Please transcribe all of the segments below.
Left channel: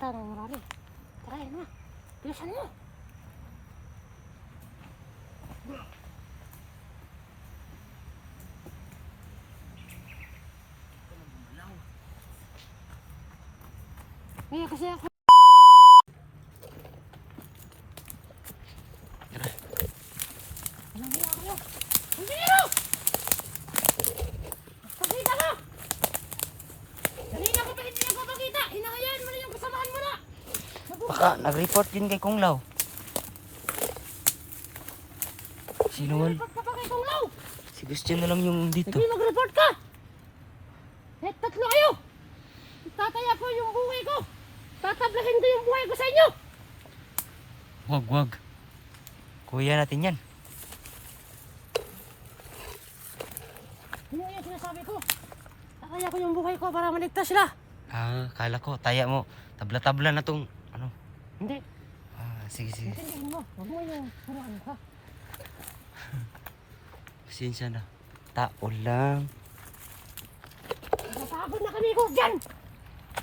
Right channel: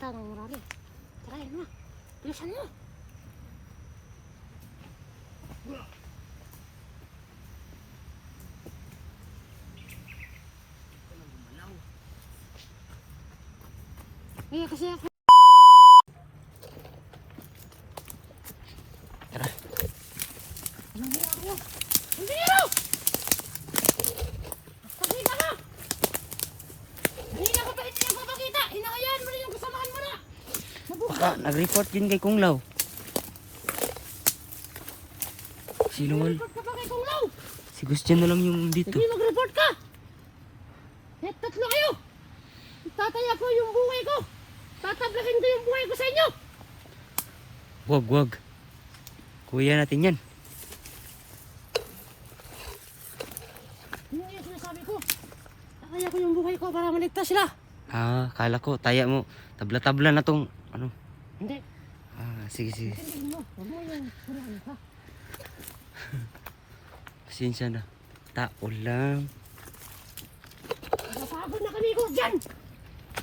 Tama mo rin. Tara na. Bilisan mo. Kasi ako. Tara. Anong hiya kayo? Ang biro! Pakita mo! Kanina ko pa rin ko pakita. Hinahayaan mo rin yung kasamahan mo na. Baka nag-report din kay Kung Lao. Sino man? Mag-report ka pa kay Kung Lao. Si Christian na lang yung dito. Hindi mag-report ka. Eh, tatlo kayo. Itataya ko yung buhay ko. Tatablakin ko yung buhay ko sa inyo. Wag. Kuya natin yan. Yun yung sinasabi ko. Tataya ko yung buhay ko para maligtas sila. Ah, kala ko, taya mo. Tabla-tabla na tong, ano. Hindi. Ah, sige. Hindi mo. Huwag mo yung suraan ko. Pasensya na. Tao lang. Napagod na kami ko dyan.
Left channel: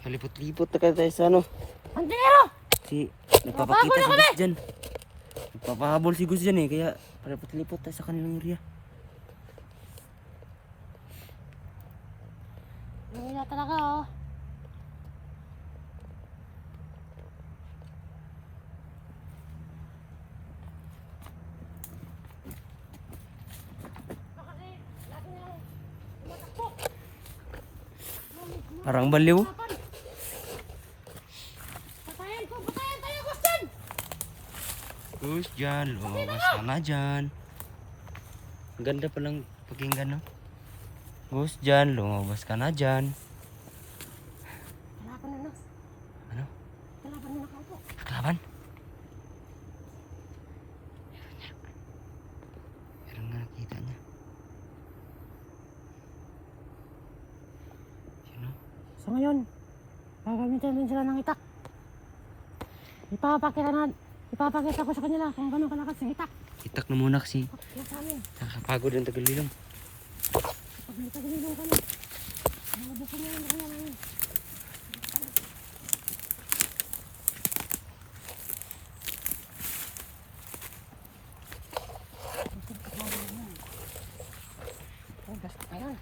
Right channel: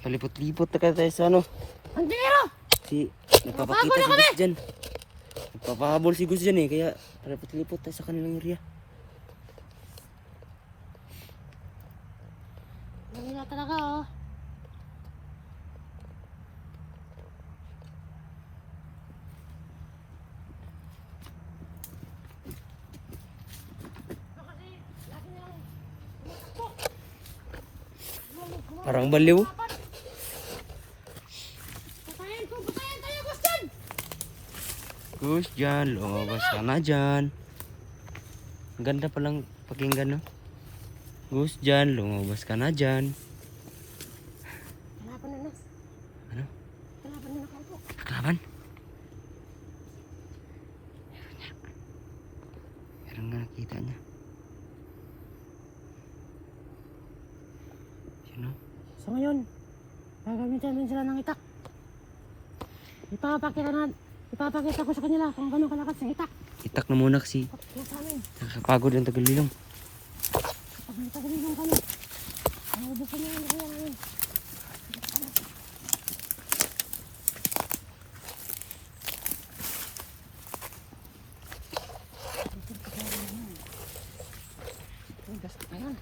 Palipot-lipot na kayo tayo sa ano. Ang biro. Si, nagpapakita si Gus dyan. Nagpapahabol si Gus dyan eh. Kaya palipot-lipot tayo sa kanilang area. Hindi na talaga oh. Parang baliw. Patayan tayo Gus dyan. Gus dyan, lumabas ka na dyan. Ang ganda palang pakinggan no. Gus dyan, lumabas ka na dyan. Kalaban na no. Ano? Kalaban na nakaupo. Kalaban? Meron nga nakita niya. Sino? So ngayon, gagamitin din sila ng itak. Ipapakita ko sa kanila kung gano'ng kalakas ng itak. Itak na muna kasi Kaya sa amin, nakapagod ang tagalilong. pag-nagtagalilong kami. Nabubukan niya ang kanya namin. Ayan.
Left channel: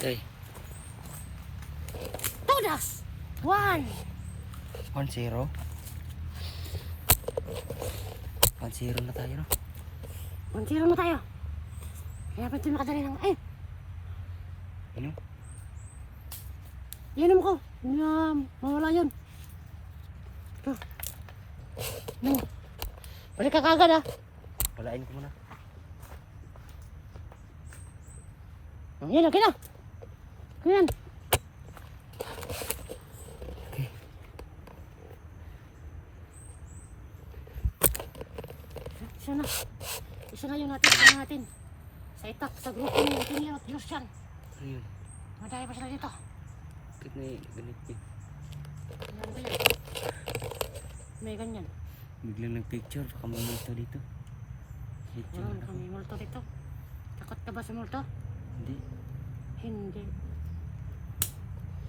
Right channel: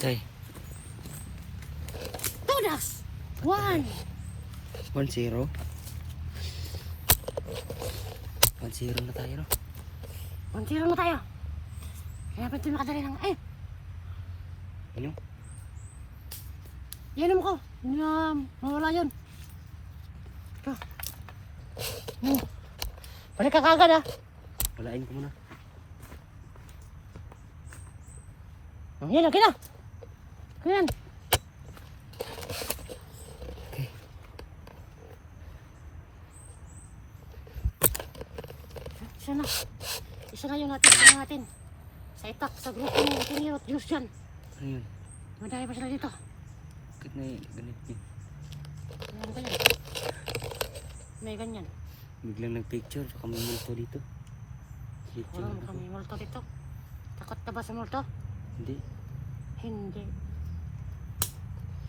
Ay, Todas! 1! 1-0. 1-0 na tayo no. Untihan mo tayo. Kaya ba't yung makadali ng... Eh! Ano? Yan mo ko. Mawala yun. Balik ka kagad ah. Walain ko muna. Yan, okay na. Yan. Okay. Isa na yun natin. Sa itak, sa grupo ni Tinio at Christian. Ano yun? Madaya pa sila dito. Bakit may ganit? Meron tayo. May ganyan. Biglang nag-picture. Baka may multo dito. Picture Meron ako. kami multo dito. Takot ka ba sa multo? Hindi. Hindi.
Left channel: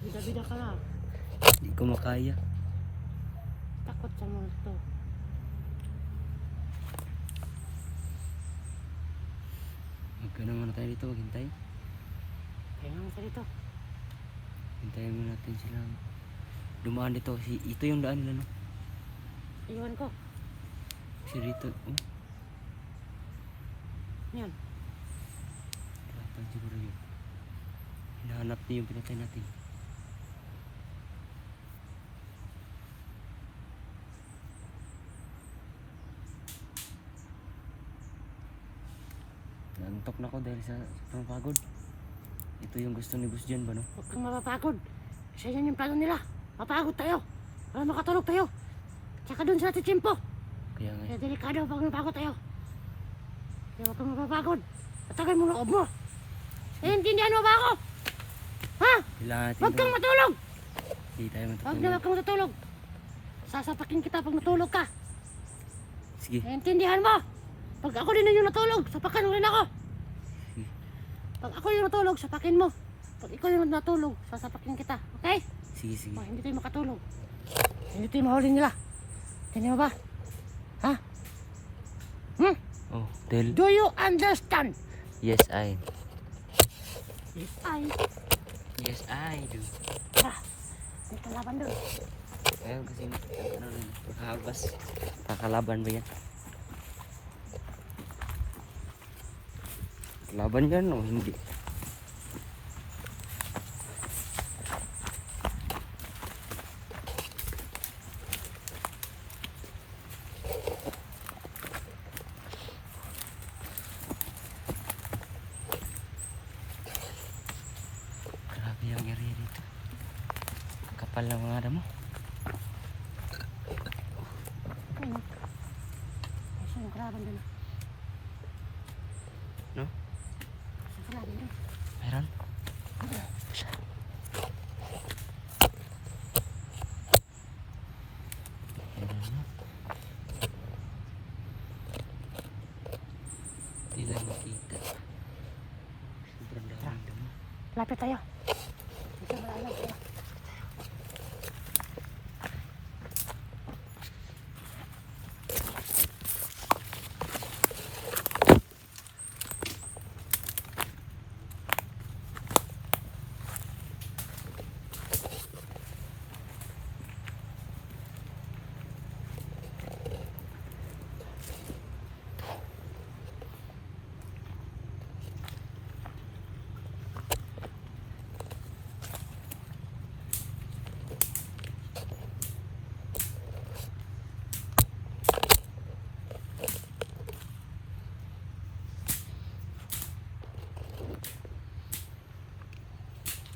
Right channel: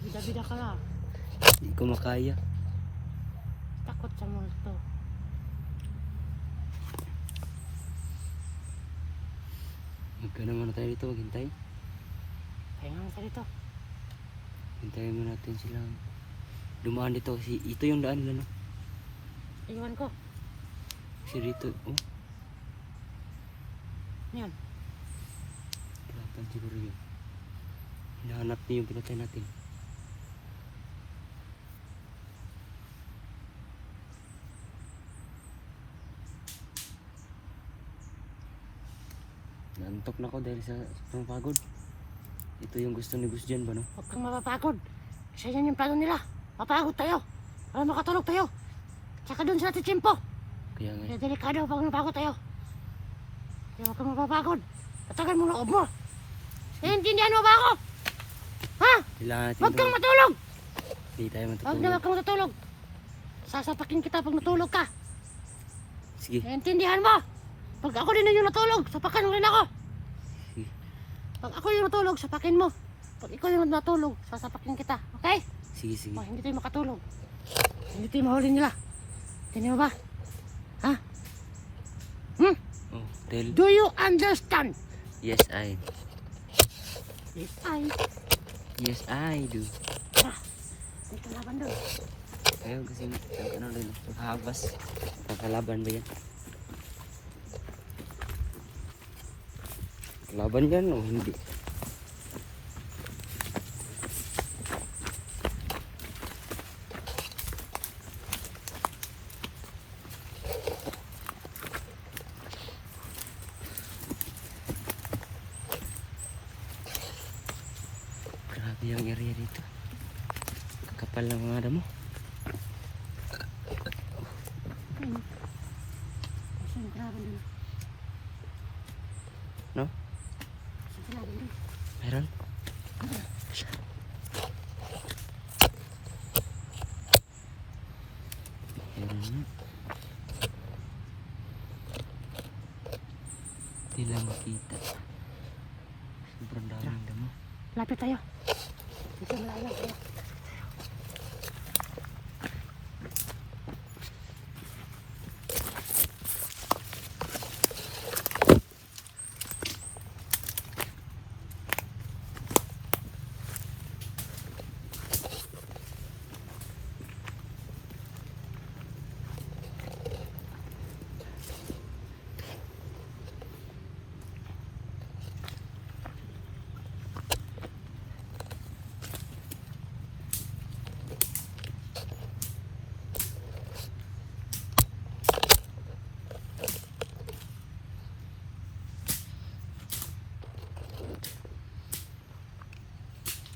Bida-bida ka lang. Hindi ko makaya. Takot sa multo. Magkano muna tayo dito. Maghintay. Ayun lang sa dito. Hintayin mo natin silang dumaan dito. Kasi ito yung daan nila no. Iwan ko. Kasi dito. Oh. Yan. Hirapan siguro yun. Hinahanap niya yung pinatay natin. Naantok na ako dahil sa sobrang pagod. Ito yung gusto ni Gus Jan ba, no? Huwag kang mapapagod. Kasi yan yung plano nila. Mapagod tayo. Para makatulog tayo. Tsaka dun sa ating tsimpo. Kaya nga. Kaya delikado pag napagod tayo. Kaya huwag kang mapapagod. Patagal mo loob mo. Naiintindihan mo ba ako? Ha? Kailangan natin Huwag kang itong- matulog. Hindi tayo Huwag na matutulog. huwag kang matulog. Sasapakin kita pag natulog ka. Sige. Naiintindihan mo? Pag ako din yung natulog, sapakan mo rin ako. Sige. Pag ako yung natulog, sapakin mo. Pag ikaw yung natulog, sasapakin kita. Okay? Sige, sige. Oh, hindi tayo makatulog. Hindi tayo mahuli nila. Tingnan mo ba? Ha? Hmm? Oh, dahil... Do you understand? Yes, I. Ay, Yes, I do. may kalaban doon. Ayun kasi ano rin, nakahabas. Kakalaban ba yan? Kalaban yan o hindi? Grabe yung area dito. Kapal ng mga damo. Ano? Kasi yung kalaban doon. No? Yung kalaban doon. Meron? Meron na. Hindi lang makita. Sobrang daming damo. Lapit tayo. Dito na lang tayo.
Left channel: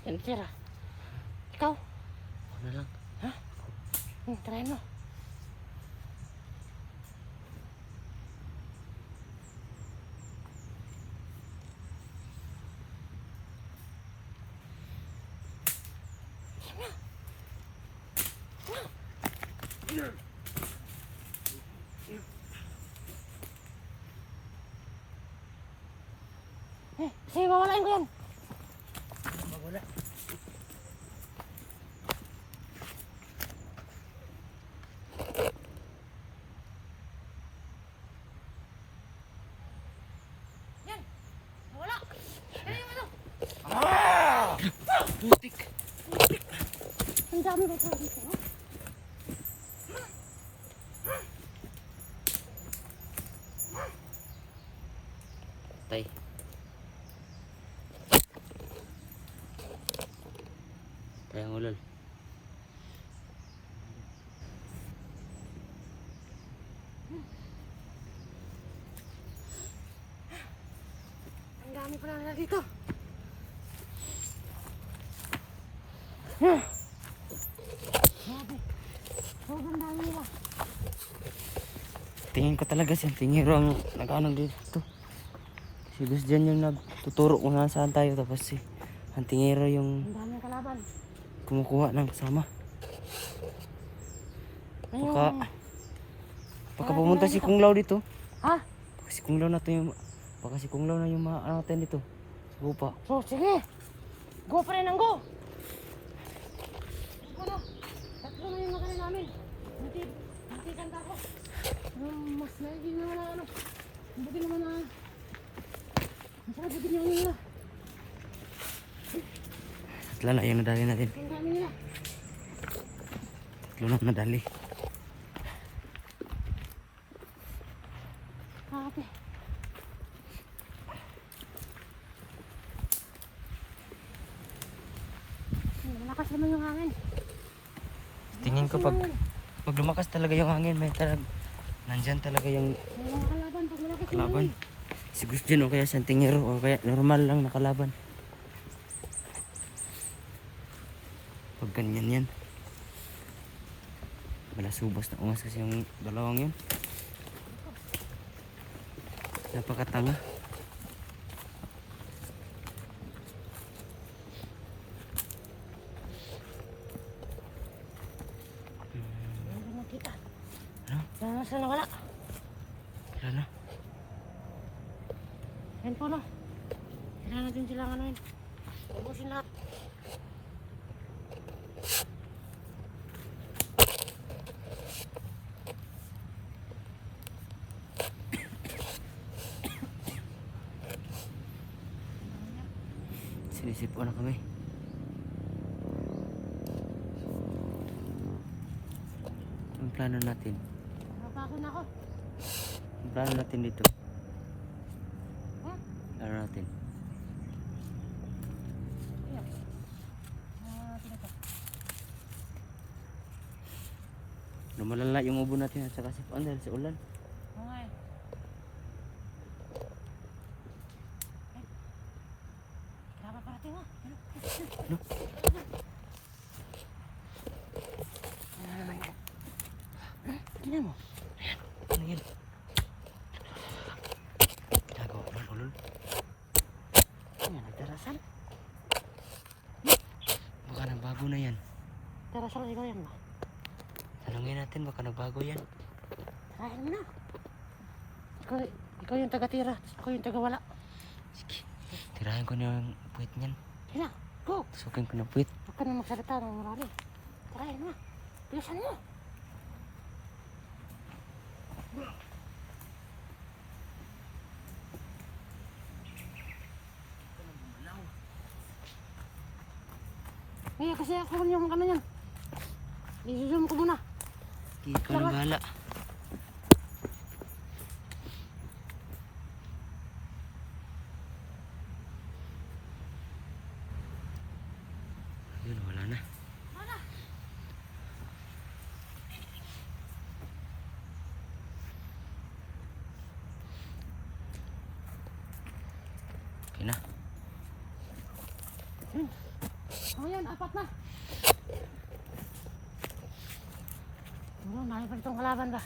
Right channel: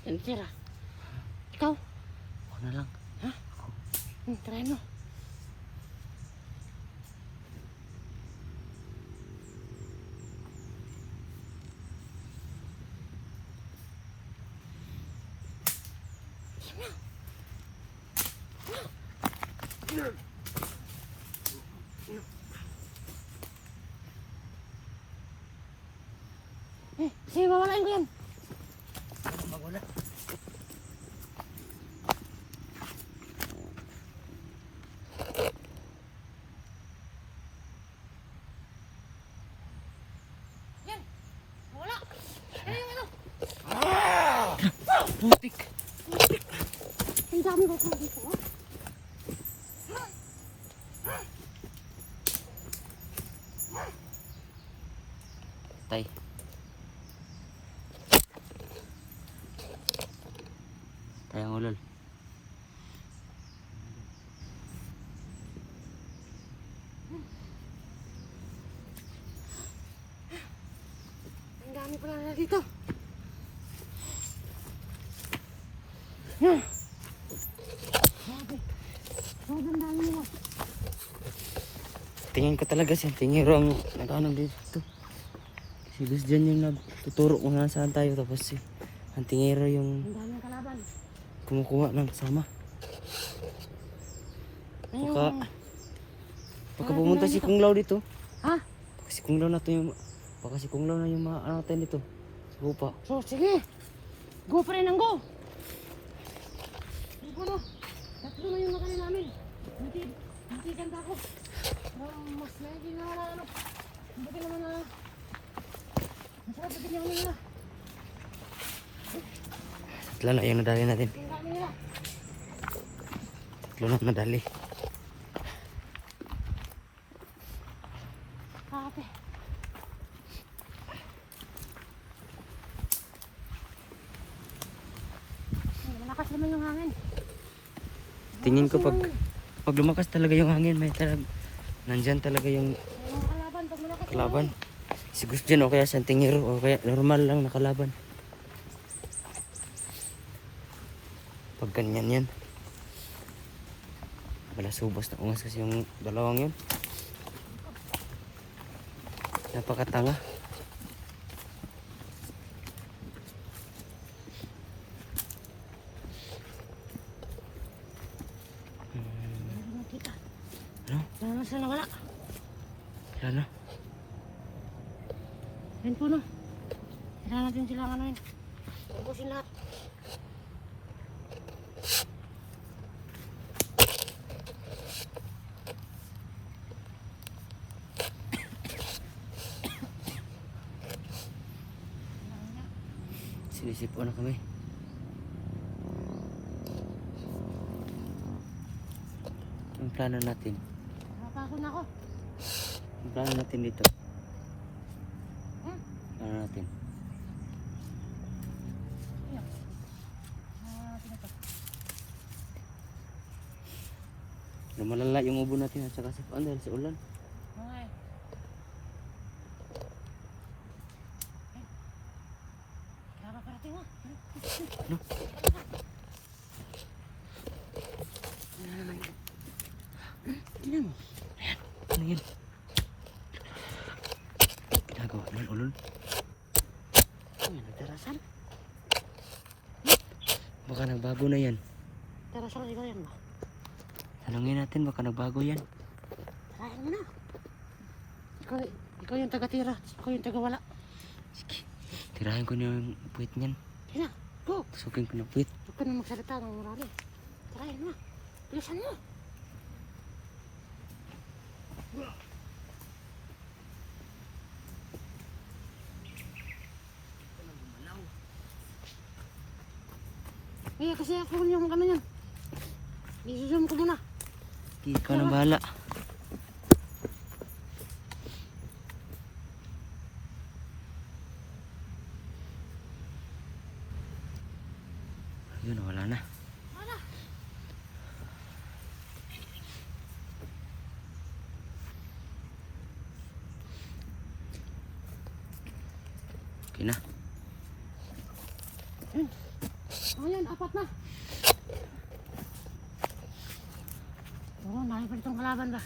Yan, tira. Ikaw? Ako na lang. Try mo. Sige, mawalain ko yan. Mawala. Yan. Nawala. Yan yung ano. Putik! Ang dami ba ito dito? Oh? Tay. Kaya mo nun. Ang dami pala na dito. Grabe. Ang dami nila. Tingin ko talaga siya. Tingiro ang nag-ano dito. Si Gus Jan yung nagtuturo kung nasaan tayo. Tapos si ang tingiro yung Ang dami kalaban. kumukuha ng kasama. Baka pumunta si Kung Lao dito. Ha? Baka si Kung Lao na yung maaten dito. Sa lupa. So, sige. Go pa rin ang go. Go na. Tatlo na yung nakaya namin. Hindi ganda ko. Mas lagi na ano. Hindi ka naman na. Mas mabigyan niya nila. Tatlo na yung nadali natin. Ang dami nila. Tatlo na nadali. Ate. Malakas naman yung namin. Tingin ko pag lumakas talaga yung hangin, may nandyan talaga yung Kalaban, pag malakas kalaban. Si Gus Jan o kaya Santingero o kaya normal lang nakalaban. Pag ganyan yan. Balasubos na ungas kasi yung dalawang yun. Napakatanga. Hindi nakita. Ano? Nasa na wala. Wala na. Yan po no. Kailangan natin silang ano yun. Ubusin lahat. Sinisip-o na kami. Ang plano natin. Napako na ako. Ang plano natin dito. Huh? Plano natin. Ayan. Natin ito. Lumalala yung ubo natin at saka sipuan dahil sa ulan. Okay. Tara parating ha. Tingnan mo. Ayan. Ano yun? Ginagawa ng ulol. Ayan, nagdarasan. Baka nagbago na yan. Tara siya kasi kayo. Tanungin natin baka nagbago yan. Tarahin mo na. Ikaw yung taga-tira. Ako yung taga-wala. Sige. Tirahin ko na yung puwit niyan. Sige na. Go. Pasukin ko na puwit. Huwag ka na magsalita ng marami. Tarahin mo na. Bilisan mo. Eh, kasi ako yung ano niya. I-zoom ko muna. Sige, ikaw na bahala. Yun, wala na. Wala. Okay na. Ayan, apat na. Oo, dami pa itong kalaban ba?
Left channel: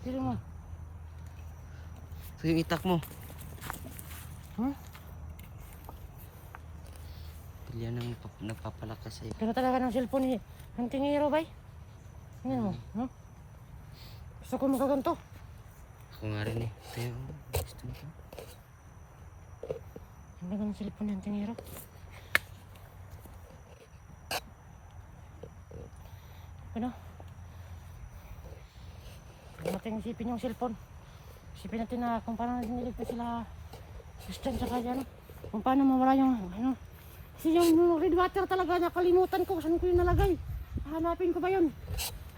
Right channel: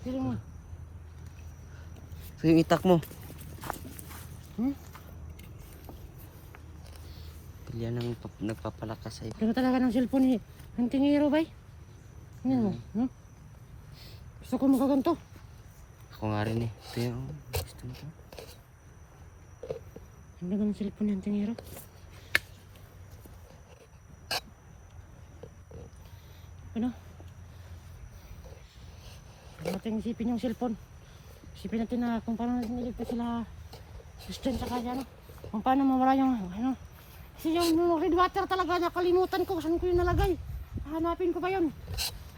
Sili mo. So yung itak mo. Pilyan ng nagpapalakas sa'yo. Pero talaga ng cellphone ni Santingero ba? Yan mo. Gusto ko makaganto. Ako nga rin eh. Ito yung gusto nito. Ang ganda ng cellphone ni Santingero. Ano? Huwag natin isipin yung cellphone. Isipin natin na kung paano natin niligtas sila Christian sa kanya. Kung paano mawala yung ano. Kasi yung red water talaga nakalimutan ko. Saan ko yung nalagay? Hanapin ko ba yun?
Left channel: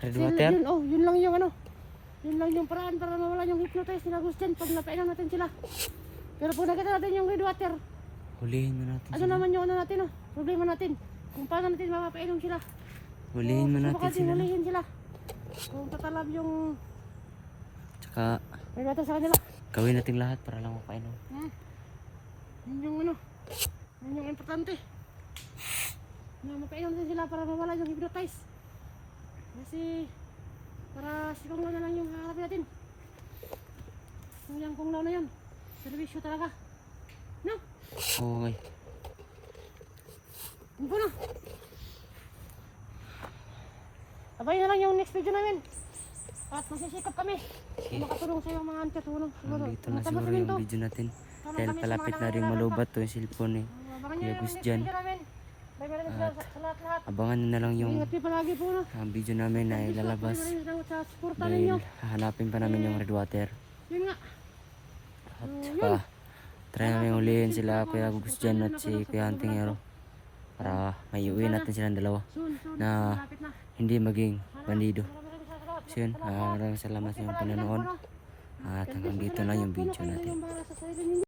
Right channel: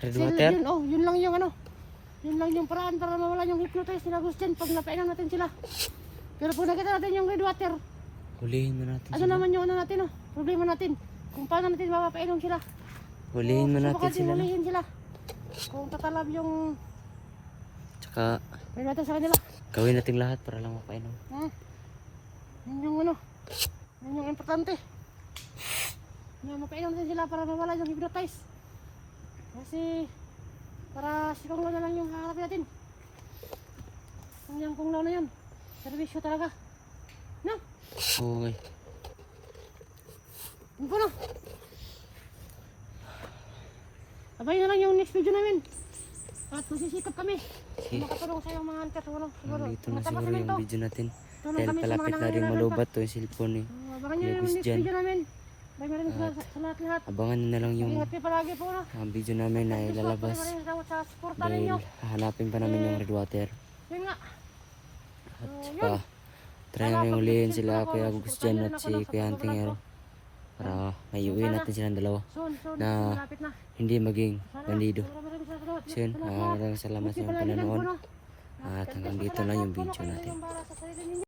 Red Kasi water? Yun, yun lang yung ano. Yun lang yung paraan para mawala yung hypnotize sila Christian pag napainom natin sila. Pero pag nakita natin yung red water, Hulihin mo natin ano sila. naman yung ano natin problema natin. Kung paano natin mapapainom sila. Hulihin mo natin Subukan sila. No? hulihin sila. Kung tatalab yung Tsaka red water sa kanila. gawin natin lahat para lang mapainom. Ha? Yun yung ano. Yun yung importante. Na mapainom natin sila para mawala yung hypnotize. Kasi para si Kunglaw na lang yung haharapin natin. Yung Kunglaw na yun. Servisyo talaga. No? Okay. Hindi ko na. Sabay na lang yung next video namin. At magsisikap kami. Sige. Makatulong sa yung mga antas. Nandito na siguro yung video natin. Tulong Dahil kami sa palapit mga na rin nangangailangan malubat to yung cellphone eh. Abangan nyo Kuya yung Gus next dyan. video namin. Maraming salamat sa lahat-lahat. Abangan nyo na lang yung Ingat kayo palagi po. video namin na ilalabas. Maraming salamat sa suporta Dahil ninyo. hahanapin pa namin yung red water. Yun nga. At saka try namin ulihin sila Kuya Gus Jan at si Kuya Santingero. Para may uwi natin silang dalawa. Soon, Na malapit na. hindi maging bandido. Maraming salamat. So yun, maraming salamat sa inyong panonood. At hanggang dito na yung video natin.